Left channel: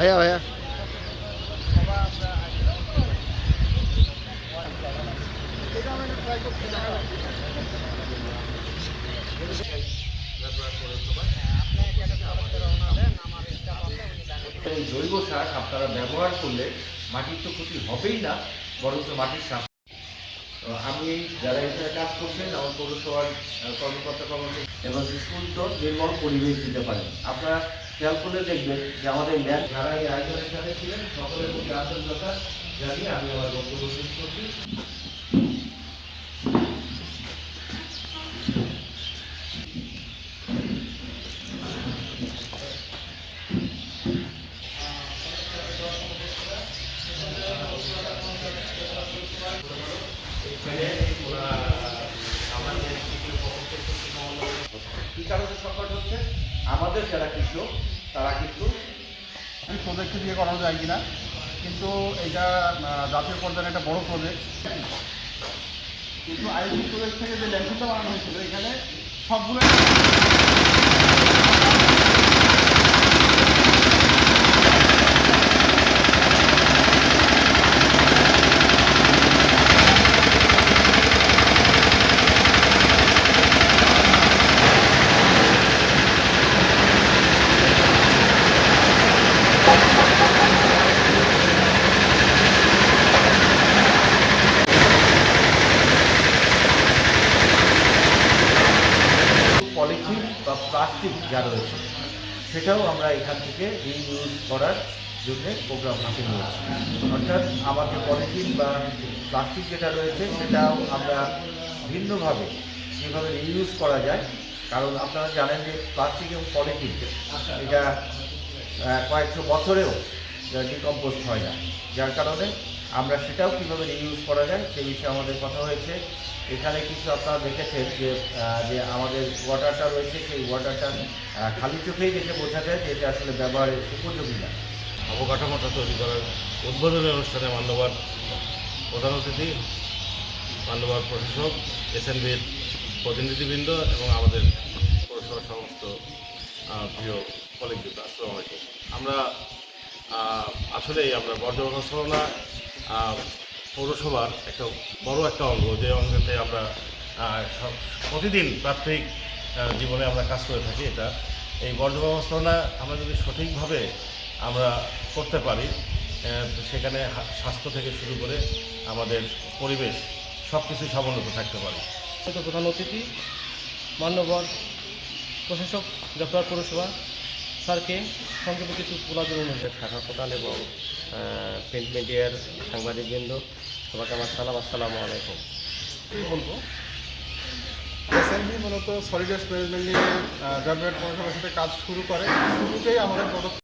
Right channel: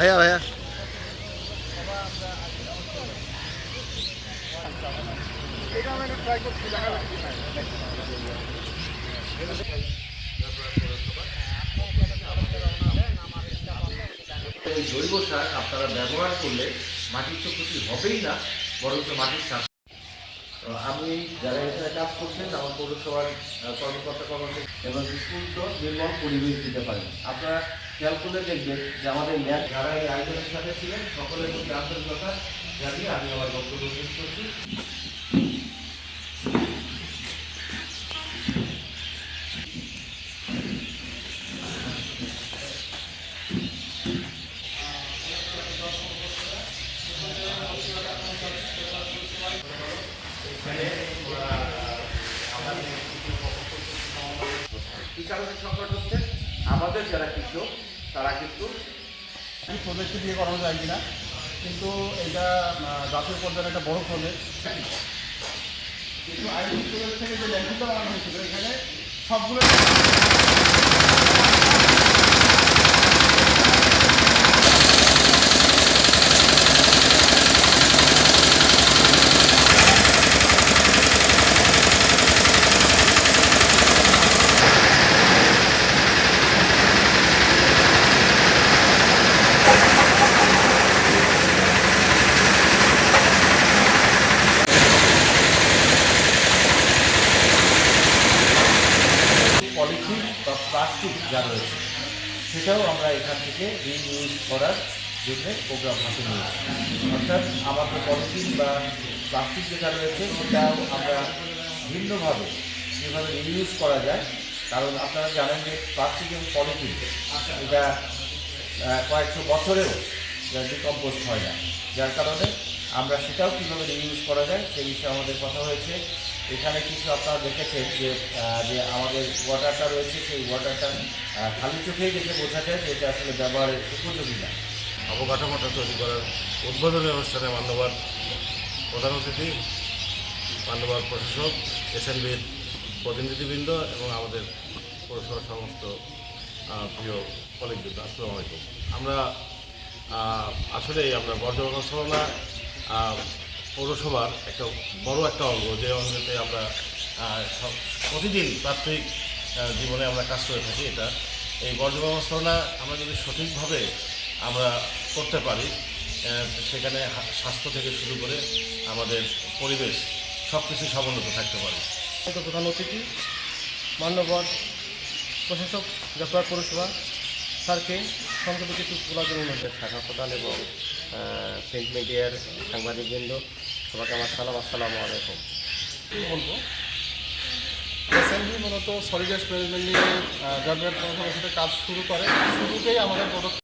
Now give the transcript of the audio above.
ভাইয়া ভাইয়া এই জৈব সার আপনারা ব্যবহার করলে মাটির তো ক্ষতি হবেই না, বরঞ্চ মাটির স্বাস্থ্য। আমি যারা এখানে কাজ করছেন আমার পৌরসভার কর্মকর্তা কর্মচারী এবং সুস্থ নির্মল পরিবেশ দিতে পারেন। আপনারা খেয়াল করলে দেখবেন যে আমাদের ল্যাব যারা এই আয়োজনের সাথে ছিলেন সকলের মধ্যে আন্তরিকতা জানিয়ে আমি আমার বক্তব্য শেষ করছি। কৃষকের সংকট হচ্ছে আমাদের যারা কৃষক তারা কিন্তু প্রজেক্ট দিয়ে করানো যায় কিনা, কিন্তু এটা জাতীয় পর্যায়ে একটা বড় প্রজেক্ট। কিন্তু আইডি প্রজেক্ট থেকে যে ল্যান্ডফিলটা বানানো হয়েছিল এখানে সবগুলো পলিথিন বা প্লাস্টিক যা রয়েছে সেটাও আমরা এখান থেকে রিইউজ করার জন্য প্রোগ্রাম হাতে নিয়েছি। অর্থাৎ আমাদের পলিথিন বা প্লাস্টিক যেটা রয়েছে সেটাও আমরা ভিন্নভাবে যেভাবে রিইউজ করা যায়, কারণ আপনারা জানেন যে প্লাস্টিক এবং পলিথিন এটা কয়েকশো বছরেও ডিকম্পোস্ট হয় না, যার কারণে আমরা সেটাও কীভাবে রিইউজ করা যায় সেই বিষয়ে আমাদের কথা হয়েছে। এখানে কিছু আপনারা দেখেছেন যে আমাদের ওয়াটারটা রয়েছে, সেই ওয়াটারটা খালি চোখেই দেখে বোঝা যায় যে এটা আসলে ব্যবহারের উপযোগী না। অবকাঠামোটা তৈরি করার উদ্বোধনী অনুষ্ঠানে মান্যবর প্রধান অতিথি, মান্যবর প্রশাসক, এসএনবির প্রতিনিধিবৃন্দ এবং আমাদের পৌরসভার সমস্ত প্রিয় কলিগবৃন্দ, আসসালামু আলাইকুম। আমরা আসলেই আমরা বর্জ্য ব্যবস্থাপনা পৌরসভার একটা বড় একটা অঙ্গ, যে অঙ্গতে আমরা প্রতিদিন প্রাত্যহিক জীবনে আমরা কাজ করে থাকি। এটা এই বর্জ্য ব্যবস্থাপনা আমরা যদি সঠিকভাবে আমরা করতে পারি, সেখানে স্বাস্থ্য থেকে শুরু করে আমাদের পরিবেশ সব কিছুই সমুন্নত থাকতে পারে। প্রধান অতিথি মান্যবর প্রশাসক জয়পুরহাট পৌরসভা স্যারকে সংক্ষেপে কিছু বলার জন্য অনুরোধ। শাখা প্রধান এবং প্রিন্ট মিডিয়ার সাংবাদিকবৃন্দ, সবাইকে আমার সালাম, আসসালামু আলাইকুম। বলবো এসএনবি মূলত সলিড ওয়েস্ট ম্যানেজমেন্ট নিয়ে জয়পুরহাট পৌরসভার সাথে কাজ শুরু করে। শুরুতেই আমাদের পদক্ষেপ